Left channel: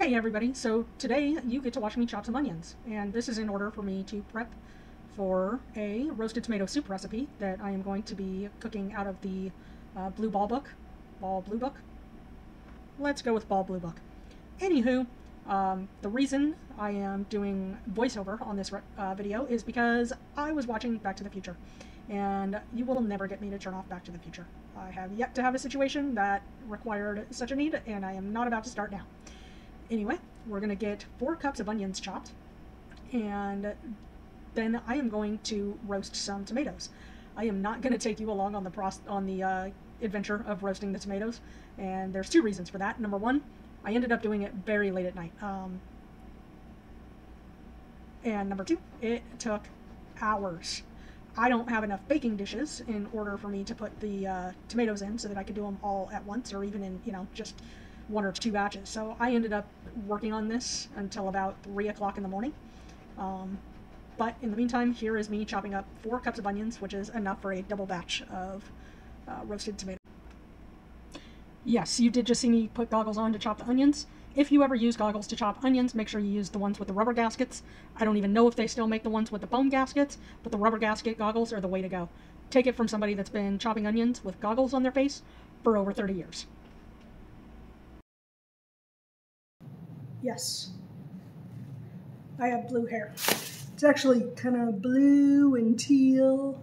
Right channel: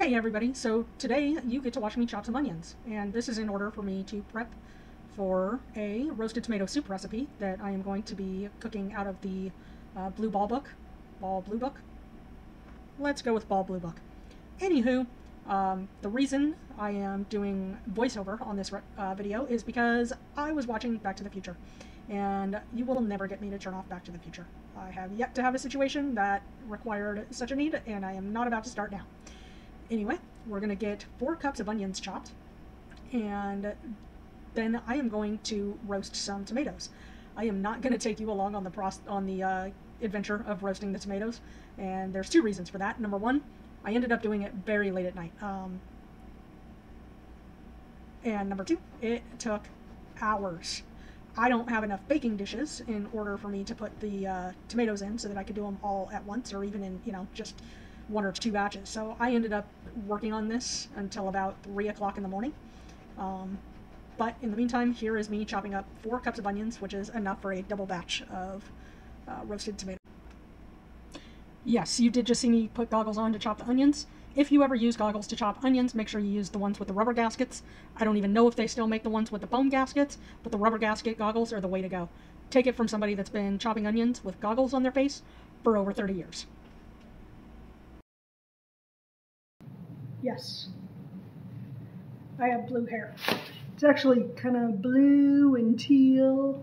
Hey everybody, so today you get to watch me chop some onions, and this is in order for me to prep for a roasted tomato soup recipe that I am going to be cooking out of the Ball Blue Book. Let's go with Ball Blue Book. Anywho, the reason I am doing voiceover on this video is because I was watching Back to the Future, and you will never get me to turn off Back to the Future. I have yet to have a situation that required such a need, and I am not about to start now. Anyway, we're going to get 4 cups of onions chopped, and then I am going to roast some tomatoes. I am not going to take you along on the adventure of roasting the tomatoes, and there's 2 reasons for that. Number 1, I ended up doing it very late at night, and number 2, it took hours. I don't have enough baking dishes in order for me to put the tomatoes in so that I could do them all at once, or even in, just 1 or 2 batches. So I ended up working on this until about 3 o'clock in the morning. But in the meantime, here is me chopping up 4 cups of onions, which is enough for a double batch of roasted tomato. Yes, you did just see me put goggles on to chop the onions. If you ever use goggles to chop onions, make sure you use the ones with the rubber gaskets. I don't even know if they still make the ones with the bone gaskets, but the rubber gasket goggles are the way to go. Take it from somebody that's been chopping onions with goggles on their face for over 30 years. Yes, I have blue hair. It's actually kind of blue and teal.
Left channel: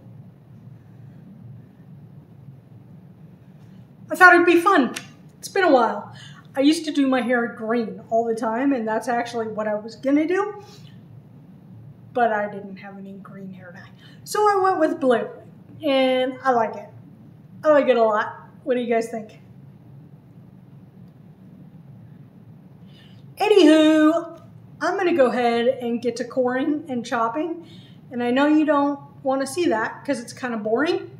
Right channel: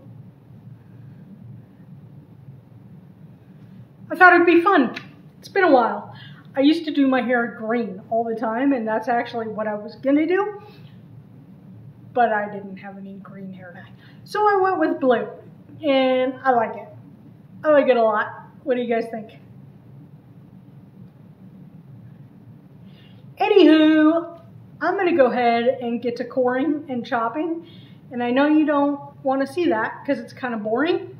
I thought it'd be fun. It's been a while. I used to do my hair green all the time, and that's actually what I was gonna do, but I didn't have any green hair dye. So I went with blue, and I like it. I like it a lot. What do you guys think? Anywho, I'm going to go ahead and get to coring and chopping. And I know you don't want to see that because it's kind of boring.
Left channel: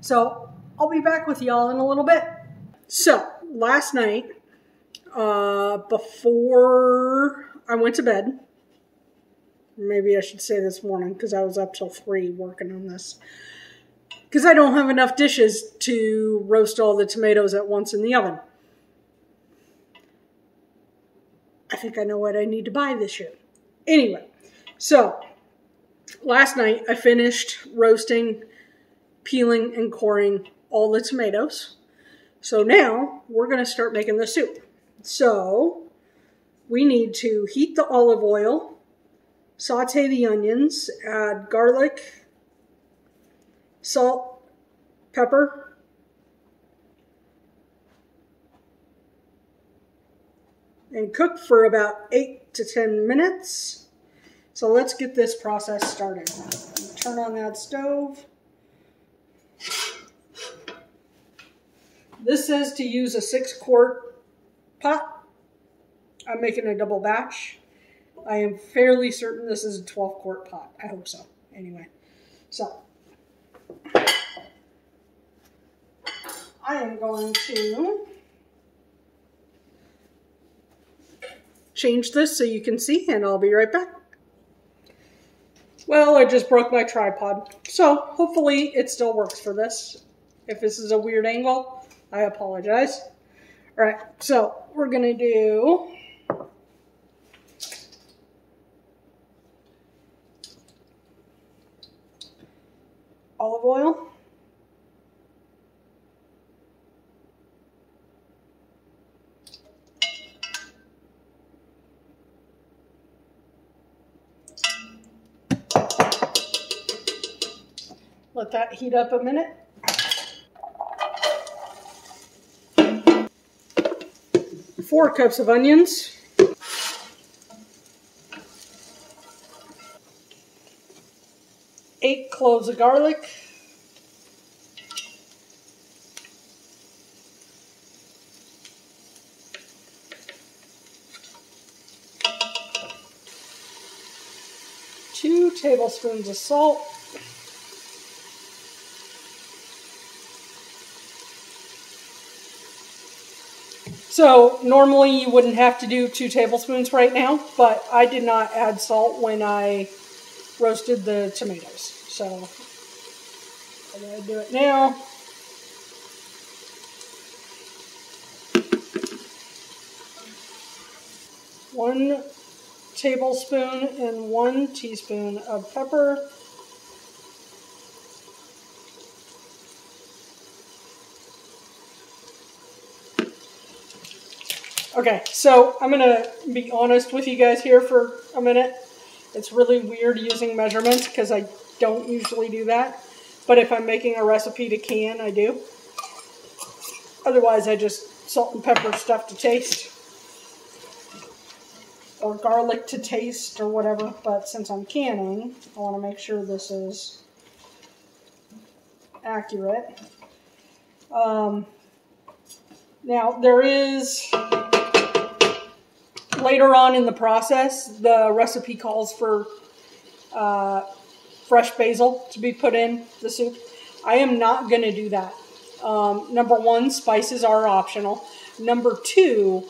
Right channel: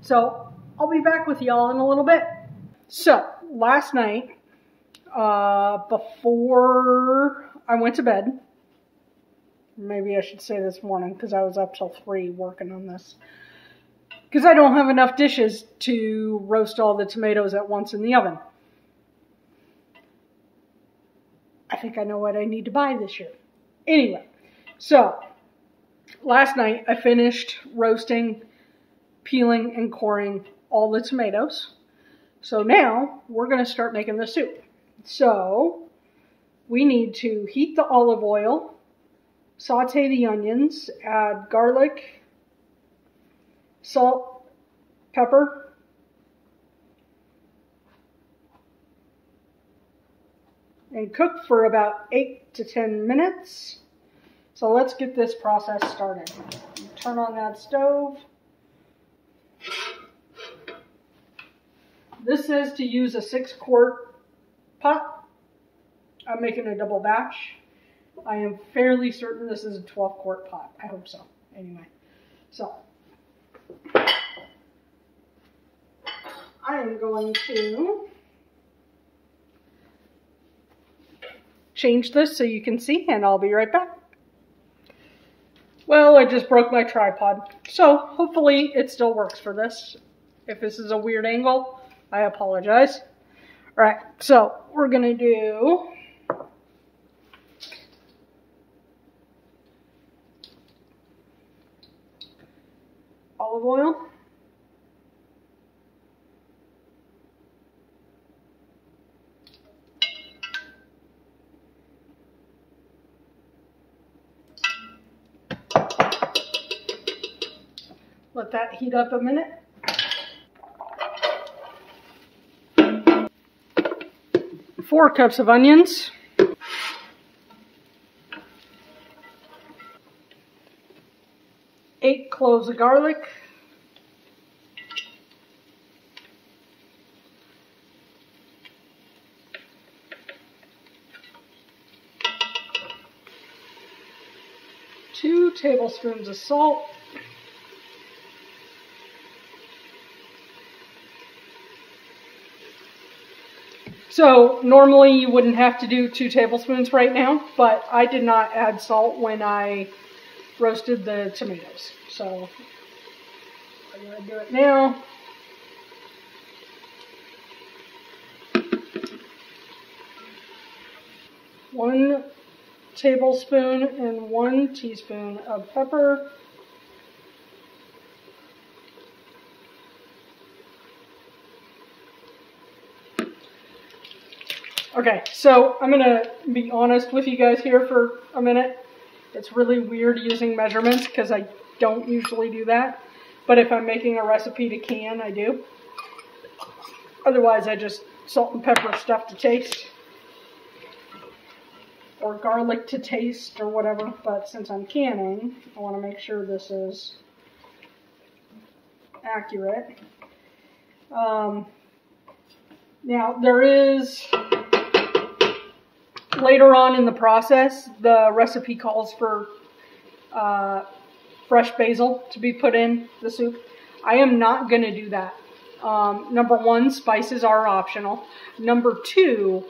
So I'll be back with y'all in a little bit. So last night, before I went to bed, maybe I should say this morning because I was up till 3 working on this, because I don't have enough dishes to roast all the tomatoes at once in the oven. I think I know what I need to buy this year. Anyway, so last night I finished roasting, peeling, and coring all the tomatoes. So now we're going to start making the soup. So we need to heat the olive oil, saute the onions, add garlic, salt, pepper, and cook for about 8 to 10 minutes. So let's get this process started. Turn on that stove. This says to use a 6-quart pot. I'm making a double batch. I am fairly certain this is a 12-quart pot. I hope so. Anyway, so I am going to change this so you can see, and I'll be right back. Well, I just broke my tripod, so hopefully it still works for this. If this is a weird angle, I apologize. All right, so we're gonna do olive oil. Let that heat up a minute. Four cups of onions. 8 cloves of garlic. 2 tablespoons of salt. So normally you wouldn't have to do 2 tablespoons right now, but I did not add salt when I roasted the tomatoes. So I'm going to do it now. 1 tablespoon and 1 teaspoon of pepper. Okay, so I'm going to be honest with you guys here for a minute. It's really weird using measurements because I don't usually do that. But if I'm making a recipe to can, I do. Otherwise, I just salt and pepper stuff to taste. Or garlic to taste or whatever. But since I'm canning, I want to make sure this is accurate. Now, there is... Later on in the process, the recipe calls for fresh basil to be put in the soup. I am not going to do that. Number 1, spices are optional. Number 2,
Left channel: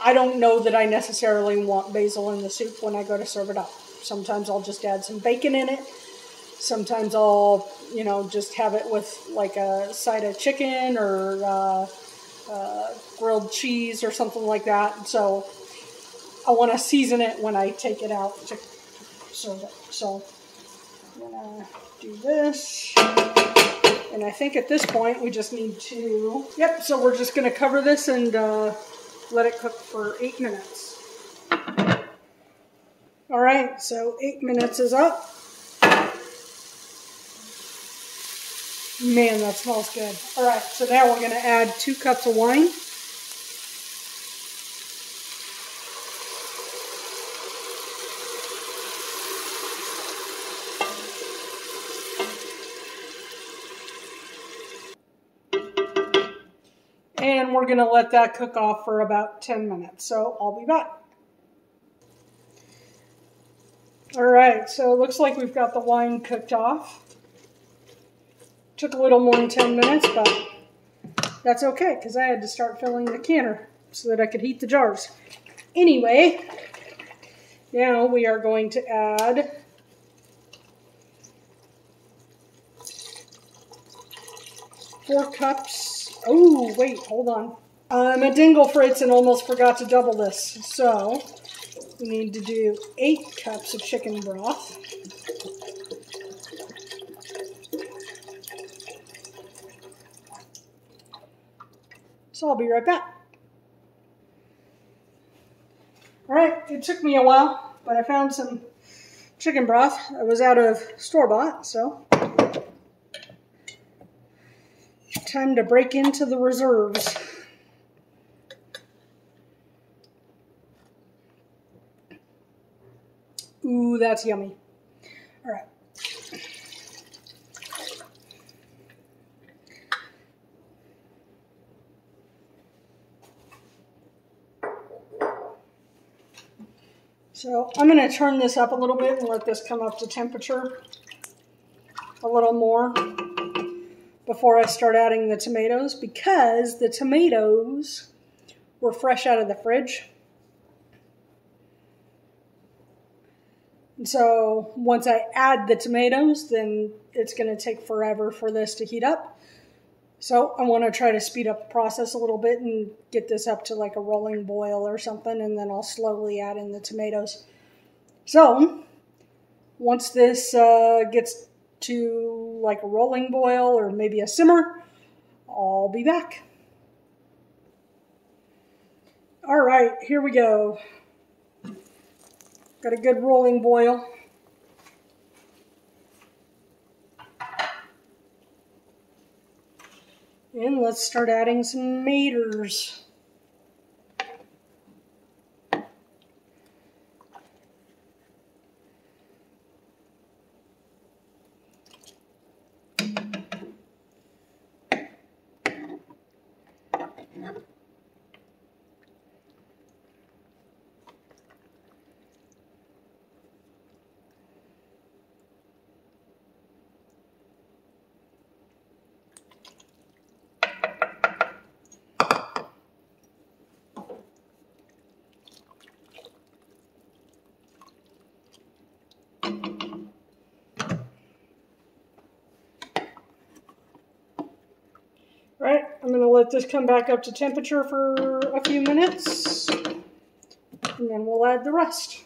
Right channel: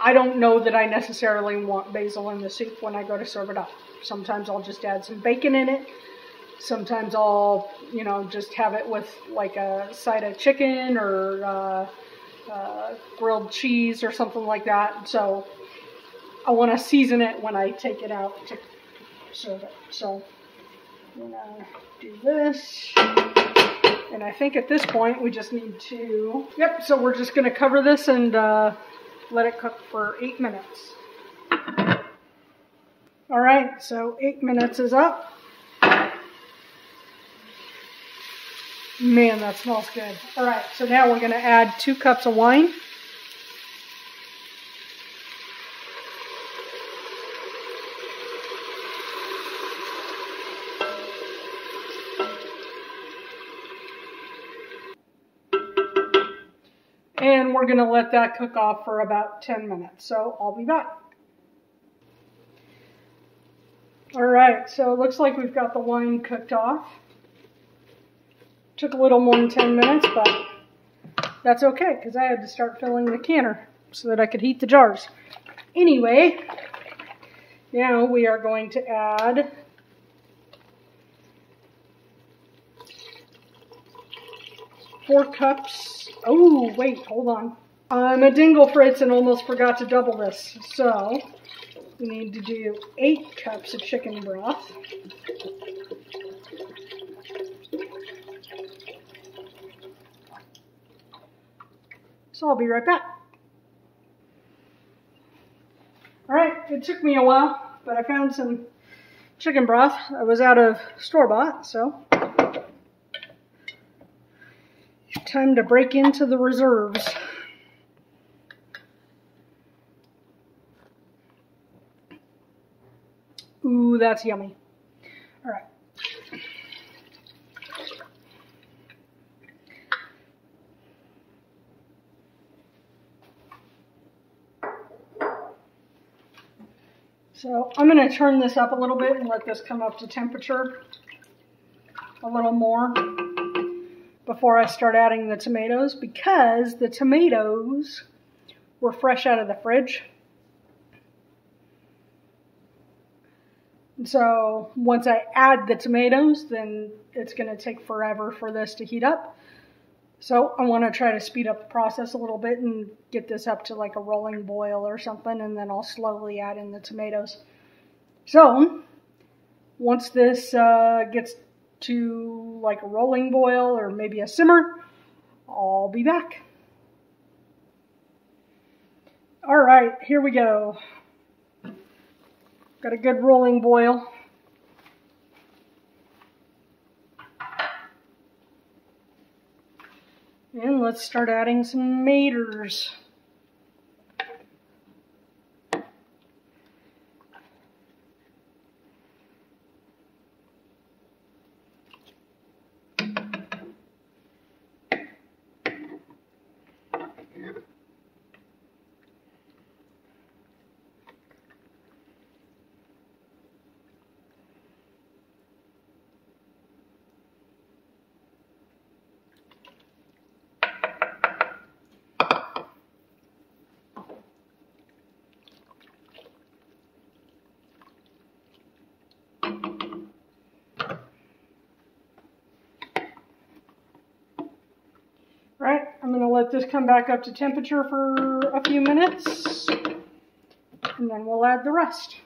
I don't know that I necessarily want basil in the soup when I go to serve it up. Sometimes I'll just add some bacon in it. Sometimes I'll, just have it with like a side of chicken or grilled cheese or something like that. So I want to season it when I take it out to serve it. So I'm going to do this. And I think at this point we just need to, so we're just going to cover this and let it cook for 8 minutes. All right, so 8 minutes is up. Man, that smells good. All right, so now we're going to add 2 cups of wine. And we're going to let that cook off for about 10 minutes. So I'll be back. All right, so it looks like we've got the wine cooked off. Took a little more than 10 minutes, but that's okay because I had to start filling the canner so that I could heat the jars. Anyway, now we are going to add four cups. Oh, wait, hold on. I'm a dingle fritz and almost forgot to double this. So we need to do 8 cups of chicken broth. So I'll be right back. All right, it took me a while, but I found some chicken broth. I was out of store-bought, so time to break into the reserves. Ooh, that's yummy. All right. So I'm going to turn this up a little bit and let this come up to temperature a little more before I start adding the tomatoes, because the tomatoes were fresh out of the fridge. And so once I add the tomatoes, then it's going to take forever for this to heat up. So I want to try to speed up the process a little bit and get this up to like a rolling boil or something, and then I'll slowly add in the tomatoes. So once this gets to like a rolling boil or maybe a simmer, I'll be back. All right, here we go. Got a good rolling boil. And let's start adding some tomatoes. let this come back up to temperature for a few minutes, and then we'll add the rest.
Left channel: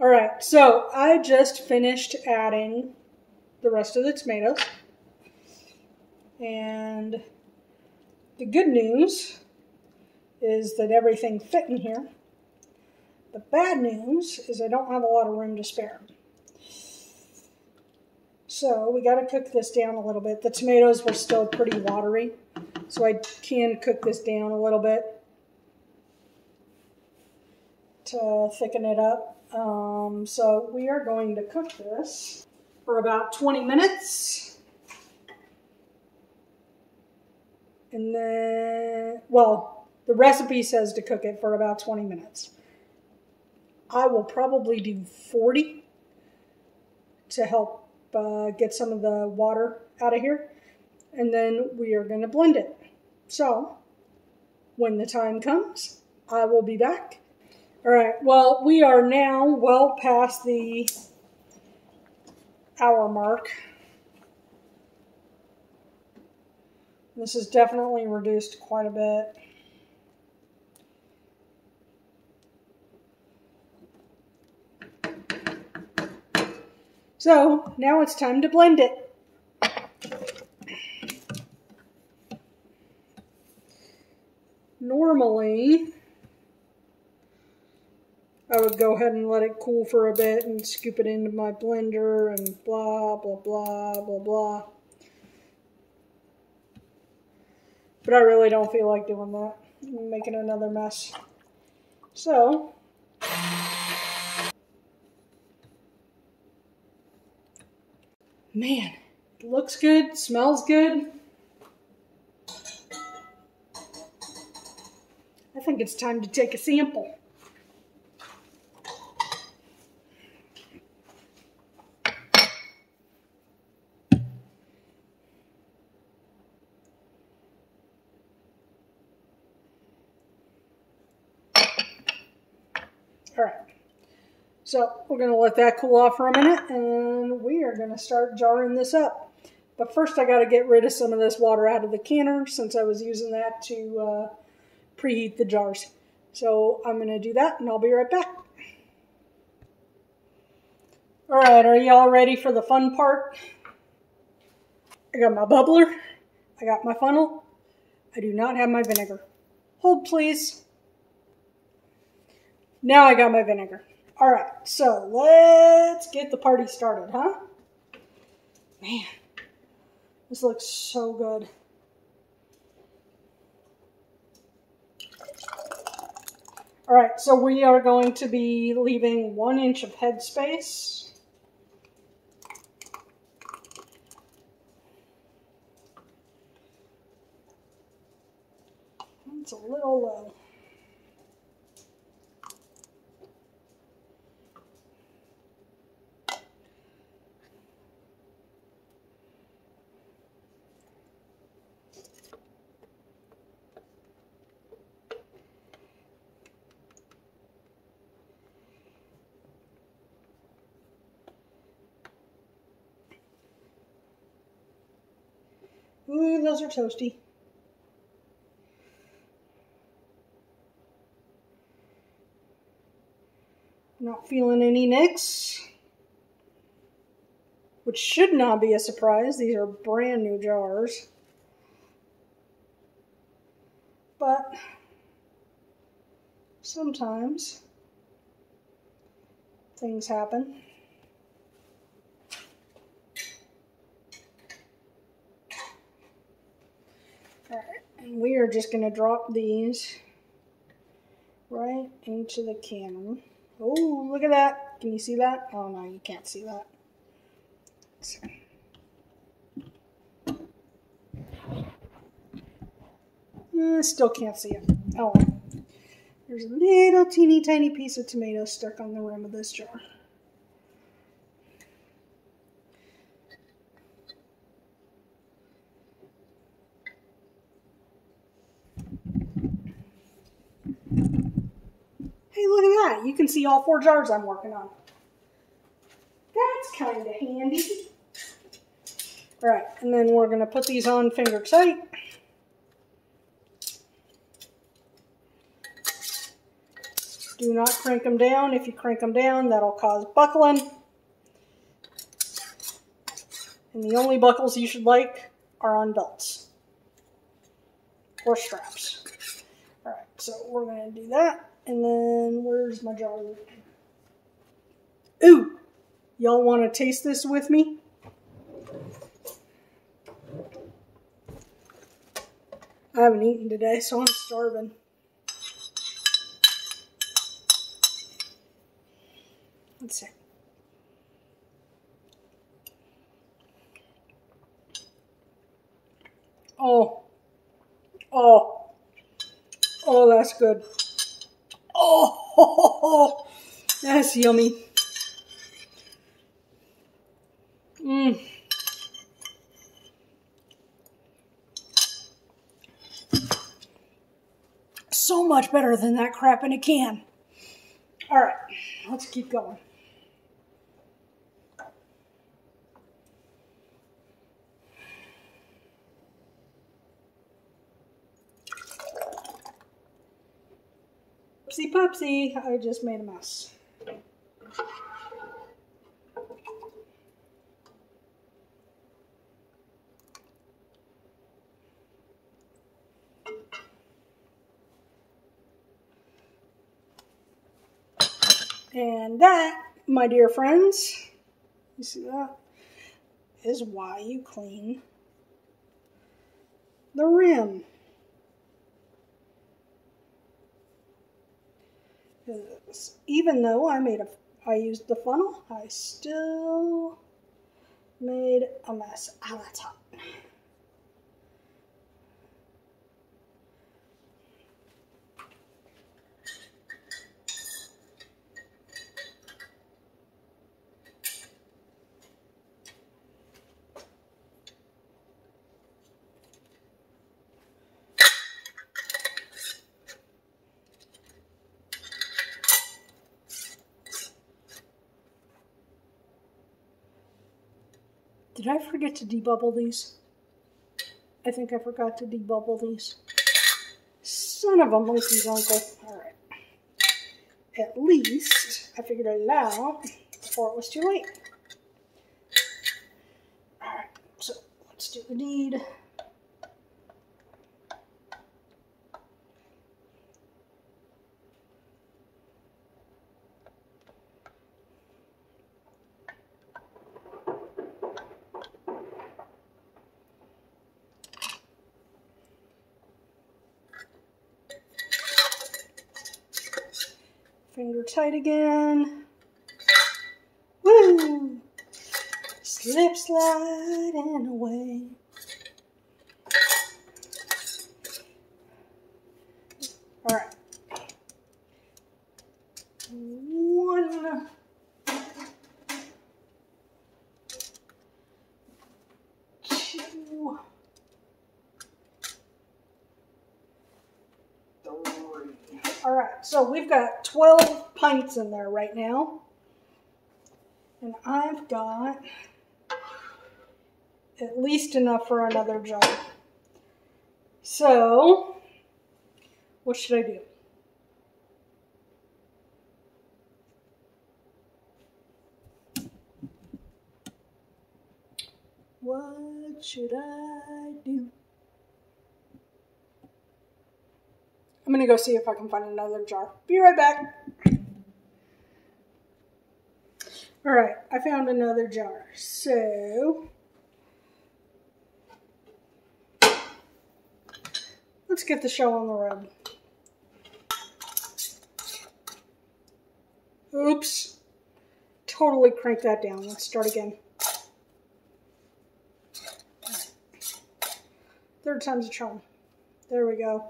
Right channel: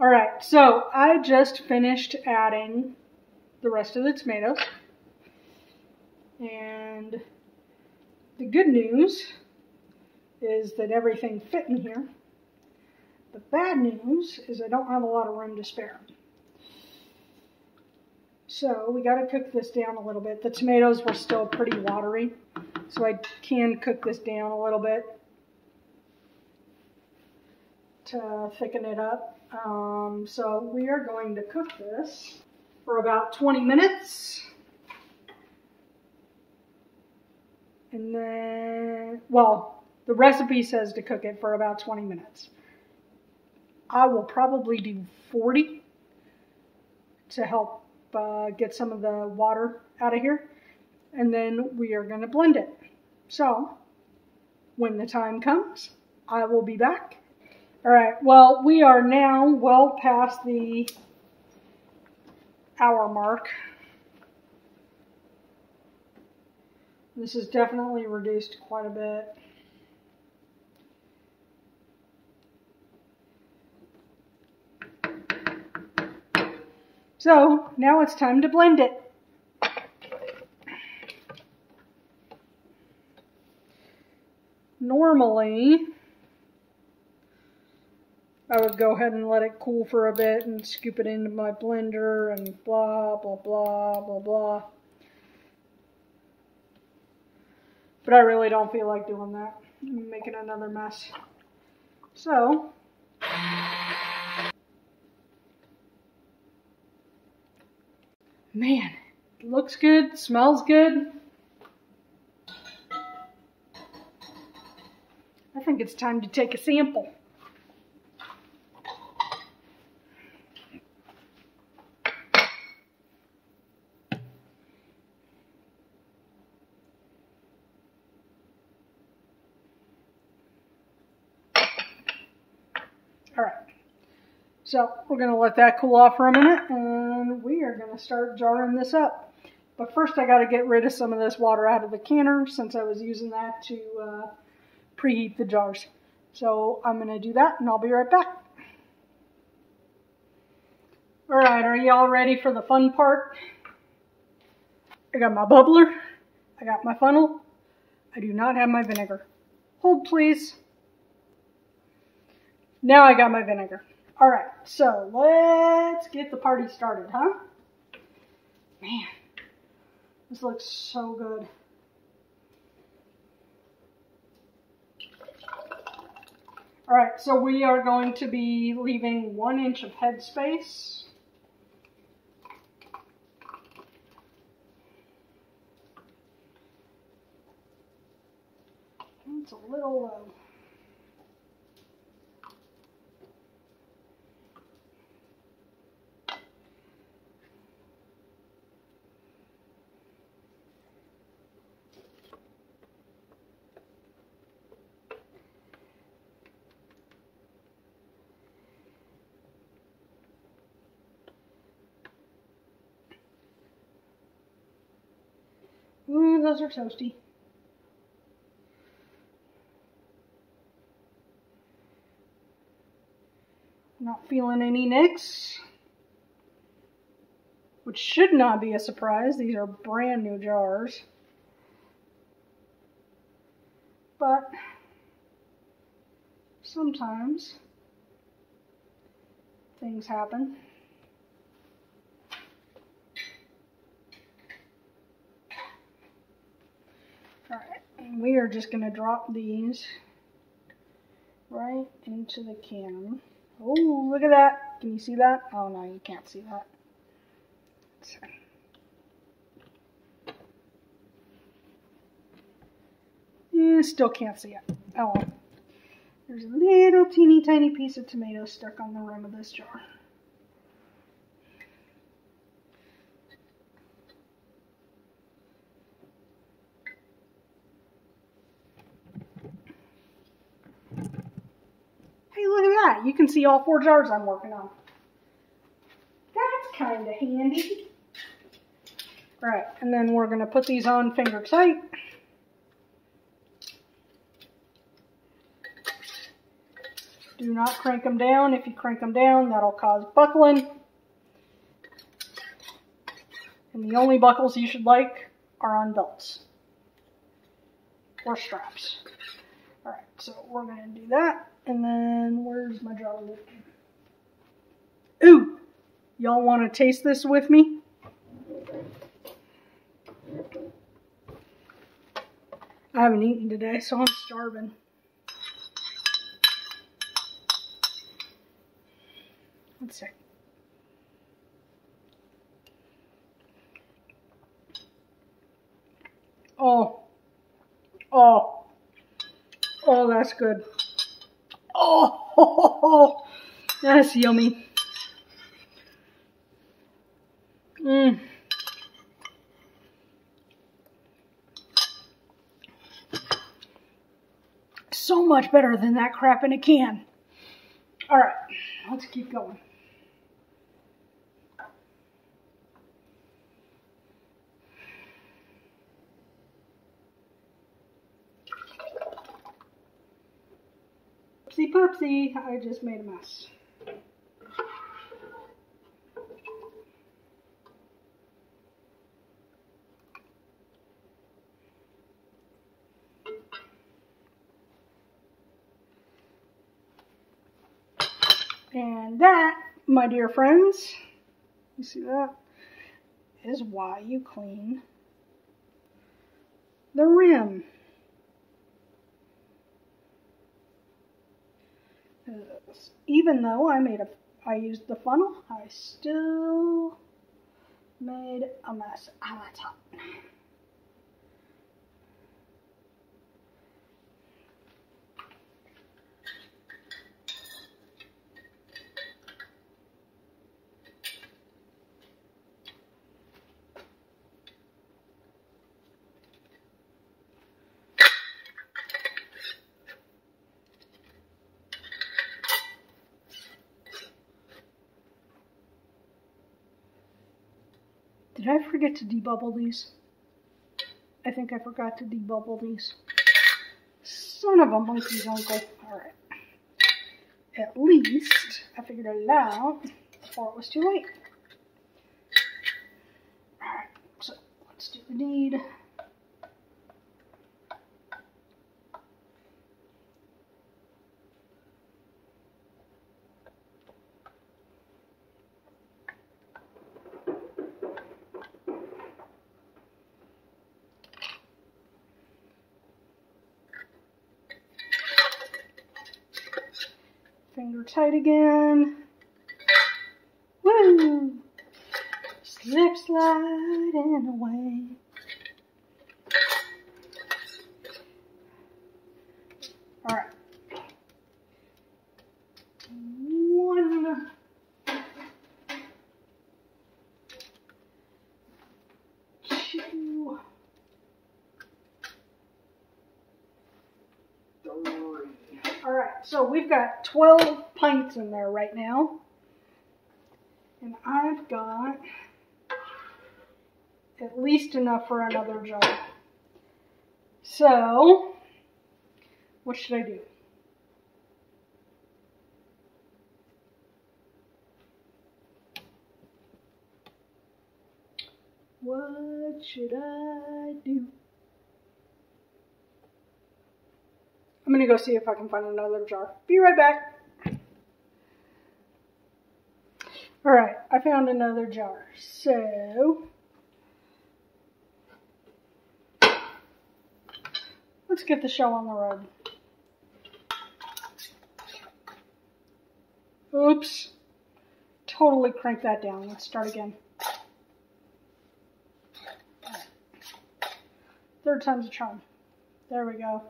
All right, so I just finished adding the rest of the tomatoes. And the good news is that everything fit in here. The bad news is I don't have a lot of room to spare. So we got to cook this down a little bit. The tomatoes were still pretty watery, so I can cook this down a little bit to thicken it up. So we are going to cook this for about 20 minutes. And then, well, the recipe says to cook it for about 20 minutes. I will probably do 40 to help get some of the water out of here. And then we are going to blend it. So when the time comes, I will be back. All right, well, we are now well past the hour mark. This is definitely reduced quite a bit. So now it's time to blend it. Normally, I would go ahead and let it cool for a bit and scoop it into my blender and blah, blah, blah, blah, blah. But I really don't feel like doing that. I'm making another mess. So, man, it looks good, smells good. I think it's time to take a sample. All right, so we're going to let that cool off for a minute, and we are going to start jarring this up. But first I got to get rid of some of this water out of the canner since I was using that to preheat the jars. So I'm going to do that, and I'll be right back. All right, are y'all ready for the fun part? I got my bubbler, I got my funnel, I do not have my vinegar. Hold please. Now I got my vinegar. All right, so let's get the party started, huh? Man, this looks so good. All right, so we are going to be leaving 1 inch of headspace. It's a little low. Ooh, those are toasty. Not feeling any nicks, which should not be a surprise. These are brand new jars. But sometimes things happen. Alright, and we are just going to drop these right into the cannon. Oh, look at that. Can you see that? Oh, no, you can't see that. Still can't see it. Oh, well. There's a little teeny tiny piece of tomato stuck on the rim of this jar. Hey, look at that. You can see all 4 jars I'm working on. That's kind of handy. All right, and then we're going to put these on finger tight. Do not crank them down. If you crank them down, that'll cause buckling. And the only buckles you should like are on belts or straps. All right, so we're going to do that. And then where's my jar? Ooh, y'all want to taste this with me? I haven't eaten today, so I'm starving. Let's see. Oh, that's good. Oh, that's yummy. So much better than that crap in a can. All right, let's keep going. Oopsie poopsie, I just made a mess. And that, my dear friends, you see that, is why you clean the rim. Even though I used the funnel, I still made a mess. Ah, that's hot. Did I forget to debubble these? I think I forgot to debubble these. Son of a monkey's uncle. Alright. At least I figured it out before it was too late. Alright, so let's do the deed. Finger tight again. Woo! Slip sliding away. All right. 1, 2, 3. All right, so we've got 12 pints in there right now. And I've got at least enough for another jar. So, what should I do? What should I do? I'm going to go see if I can find another jar. Be right back. All right, I found another jar. So, let's get the show on the road. Oops. Totally crank that down. Let's start again. Third time's a charm. There we go.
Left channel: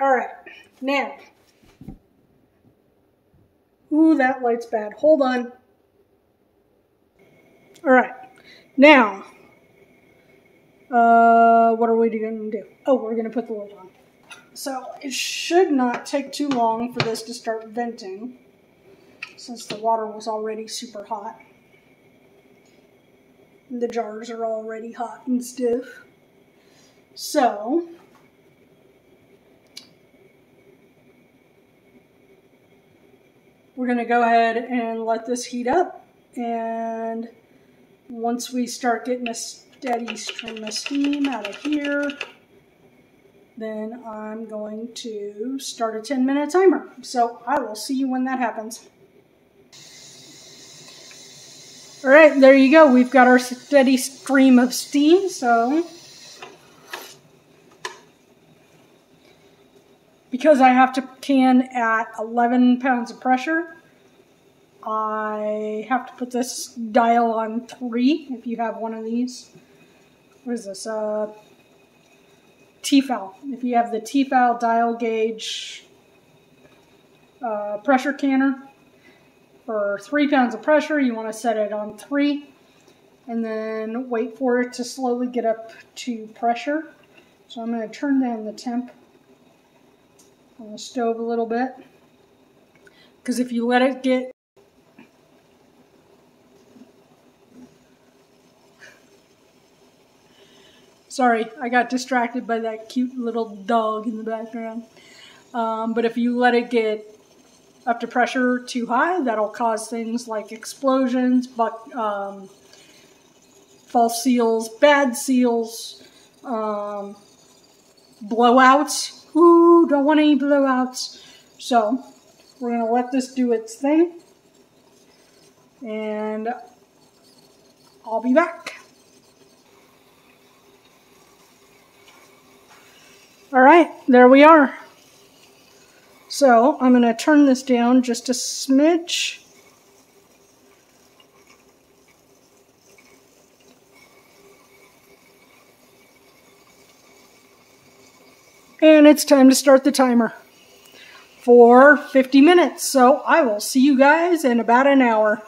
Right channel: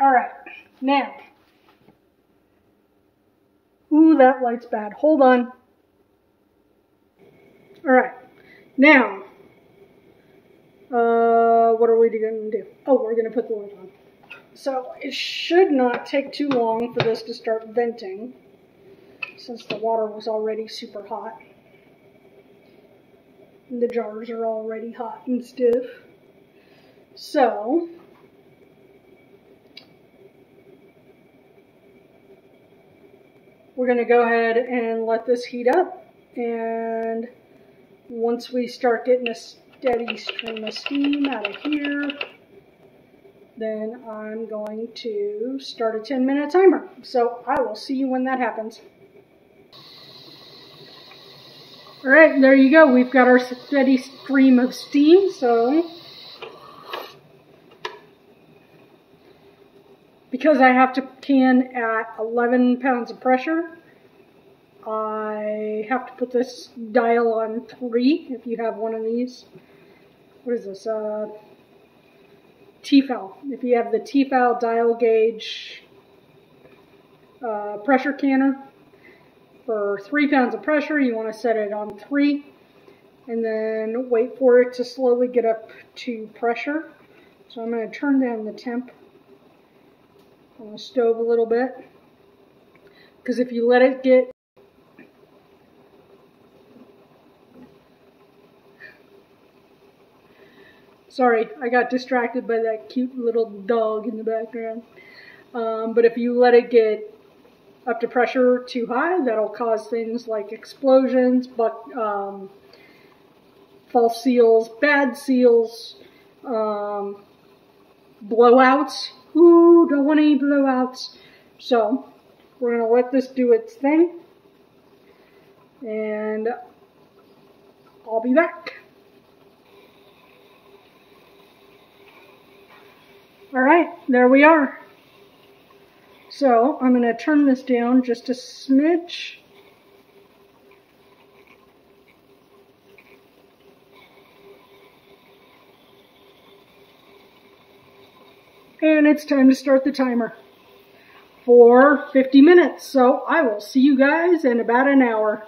All right, now. Ooh, that light's bad. Hold on. All right, now, what are we going to do? Oh, we're going to put the lid on. So it should not take too long for this to start venting, since the water was already super hot. The jars are already hot and stiff. So, we're going to go ahead and let this heat up, and once we start getting a steady stream of steam out of here, then I'm going to start a 10-minute timer. So I will see you when that happens. All right, there you go. We've got our steady stream of steam. So because I have to can at 11 pounds of pressure, I have to put this dial on 3 if you have one of these. What is this? Tefal. If you have the Tefal dial gauge pressure canner, for 3 pounds of pressure, you want to set it on 3 and then wait for it to slowly get up to pressure. So I'm going to turn down the temp on the stove a little bit, because if you let it get sorry, I got distracted by that cute little dog in the background. But if you let it get up to pressure too high, that'll cause things like explosions, false seals, bad seals, blowouts. Ooh, don't want any blowouts. So we're going to let this do its thing, and I'll be back. All right, there we are. So I'm going to turn this down just a smidge. And it's time to start the timer for 50 minutes. So I will see you guys in about an hour.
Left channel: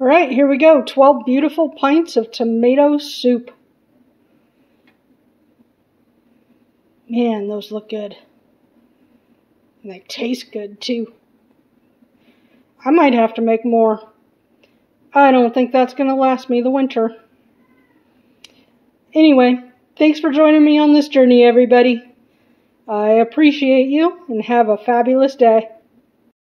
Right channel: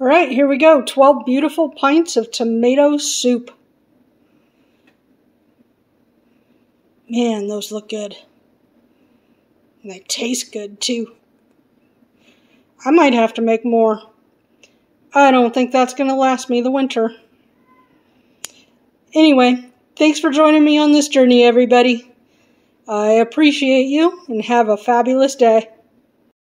All right, here we go. 12 beautiful pints of tomato soup. Man, those look good. And they taste good, too. I might have to make more. I don't think that's going to last me the winter. Anyway, thanks for joining me on this journey, everybody. I appreciate you, and have a fabulous day.